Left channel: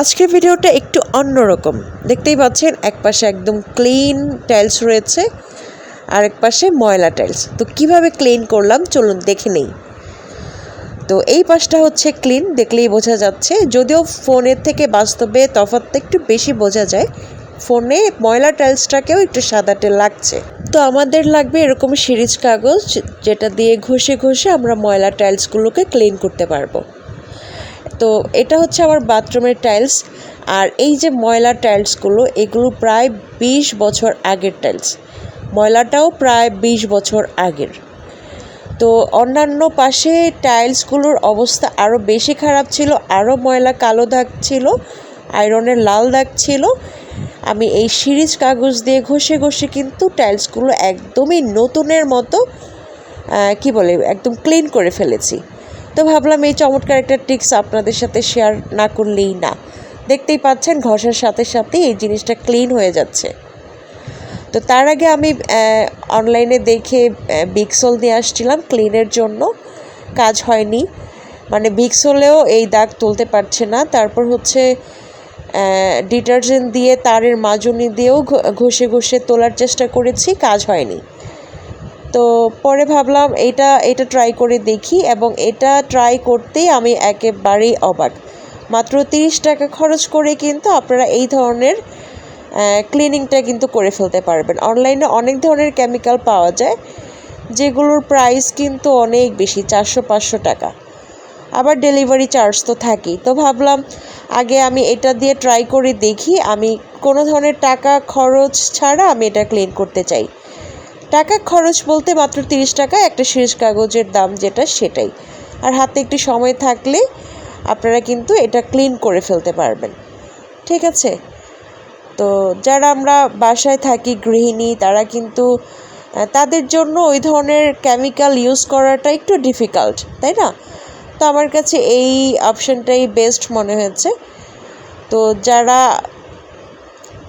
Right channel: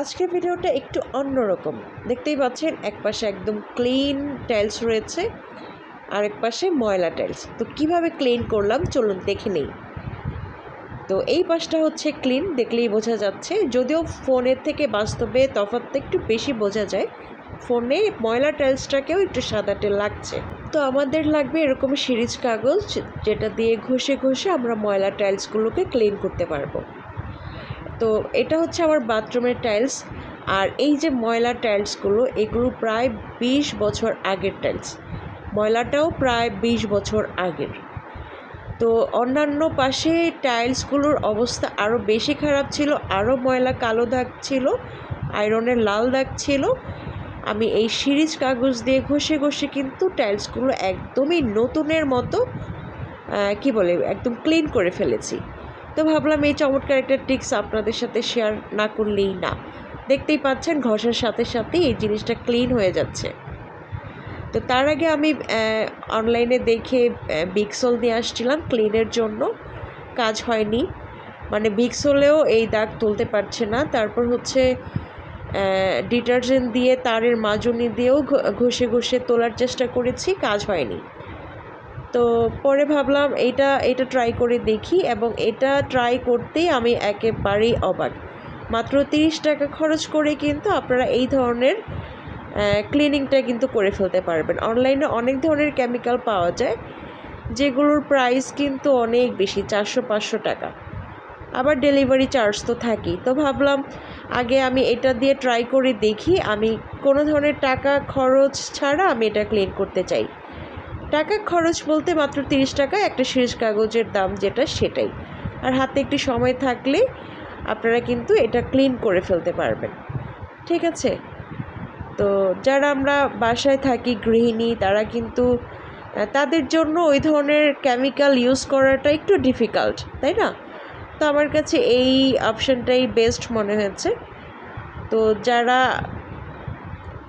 আজকের ভিডিওটা একটু অন্যরকম। দেখতেই পাচ্ছেন, এক পাশে একদম ক্লিন টাইলস রয়েছে, আর এক পাশে ময়লা টাইলস তো কীভাবে ক্লিন করলাম? চলুন দেখে নেই। তো এই পাশটা হচ্ছে ক্লিন দেখলেই বোঝা যাচ্ছে। যদিও ফোনের থেকে বাস্তবে তফাৎটা একটু বেশি বোঝা যায়, ফোনে ময়লা টাইলসটাকেও একটু সাদাটে লাগছে। তো আমাদের লাগবে এরকম সিরিজ কাগজ, যেটা দিয়ে ঘষে ঘষে আমরা ময়লা টাইলসগুলোকে ক্লিন করতে পারব। তো এটা হচ্ছে আমার বাথরুমের টাইলস। আর এই যে ময়লা টাইলসগুলো, এগুলো প্রায় বিশ বছর আগের টাইলস। ময়লাটাও প্রায় বিশ বছর আগের। তো অন্যান্য পাশে টাইলসগুলোর অবস্থা আরও বেশি খারাপ ছিল আরও ময়লা কালো দাগ ছিল, আয়রনের লাল দাগ ছিল। আমি এই সিরিজ কাগজ দিয়ে ঘষে ঘষে কিন্তু টাইলসগুলো একদমই নতুনের মতো কি বলে, একদম ক্লিন করে ফেলেছি। তো ভাবলাম এই চমৎকার একটা টিক্স আপনাদের সাথে শেয়ার না করলেই না। দেখতেই পাচ্ছেন ঘষার সাথে সাথে এই জিনিসটা ক্লিন হয়ে যাচ্ছে। তো তার আগে আমি অনলাইনে দেখে বিক্সল দিয়ে আসছিলাম ক্লিনের জন্য। কাজ হয়নি। মানে বিক্সলেও এই দাগ তুলতে পারছে না। তারপর হচ্ছে ডিটারজেন্ট দিয়ে, তারের মাজনি দিয়েও ঘষে ঘষে তোলার চেষ্টা করেছি। কাজ হয়নি। তো পরে ভাবলাম এটা এটা ট্রাই করে দেখি এবং এটা ট্রাই করতেই আমি একেবারেই অবাক। মাত্র তিরিশ টাকা খরচ করে কিন্তু আপনারা এই ধরনের ক্লিনিংটা কিন্তু করে ফেলতে পারবেন। অনলাইনে অনেক ধরনের কেমিক্যাল পাওয়া যায়, যেগুলোর প্রাইস কিন্তু অনেক বেশি, চারশো, পাঁচশো টাকা। আবার ডেলিভারি চার্জ তো থাকেই। তো ভাবলাম, আগে আমি এটা দিয়ে ট্রাই করে দেখি, আমি কোনো ধরনের টাকা খরচ ছাড়া আমি এটা ক্লিন করতে চাই। টাকা খরচ বলতে মাত্র তিরিশ টাকা একটা শেষ কাগজের দাম যেটা সেটাই। আর হাতে একটু সময় থাকলে আপনারা কিন্তু এটা ক্লিন করে ফেলতে পারবেন। ঠিক আছে? তো যারা আমরা বাসায় থাকি গৃহিণী, তারা কিন্তু তাদের জন্য ওই ধরনের কেমিক্যাল ইউজ করাটা একটু ডিফিকাল্ট তাই না? তো আমার কাছে এই অপশানটাই বেস্ট মনে হয়েছে। তো যারা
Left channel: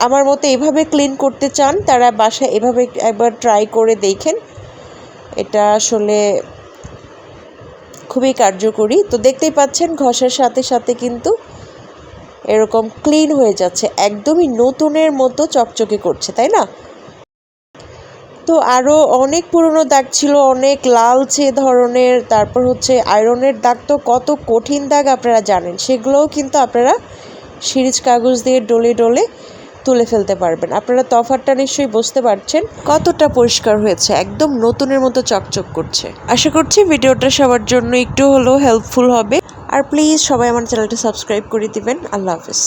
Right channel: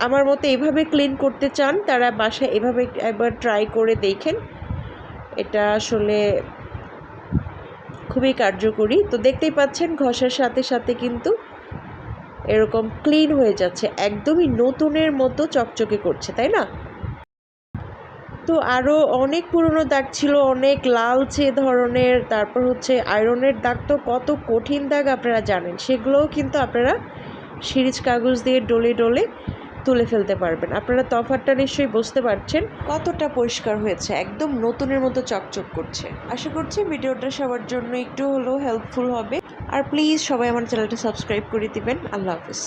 আমার মতো এভাবে ক্লিন করতে চান, তারা বাসায় এভাবে একবার ট্রাই করে দেখেন। এটা আসলে খুবই কার্যকরী। তো দেখতেই পাচ্ছেন, ঘষার সাথে সাথে কিন্তু এরকম ক্লিন হয়ে যাচ্ছে। একদমই নতুনের মতো চকচকে করছে, তাই না? তো আরও অনেক পুরনো দাগ ছিল, অনেক লালচে ধরনের, তারপর হচ্ছে আয়রনের দাগ তো কত কঠিন দাগ আপনারা জানেন। সেগুলোও কিন্তু আপনারা সিরিজ কাগজ দিয়ে ডলে ডলে তুলে ফেলতে পারবেন। আপনারা তফাতটা নিশ্চয়ই বুঝতে পারছেন কতটা পরিষ্কার হয়েছে, একদম নতুনের মতো চকচক করছে। আশা করছি ভিডিওটা সবার জন্য একটু হলেও হেল্পফুল হবে। আর প্লিজ সবাই আমার চ্যানেলটা সাবস্ক্রাইব করে দিবেন। আল্লাহ হাফিজ।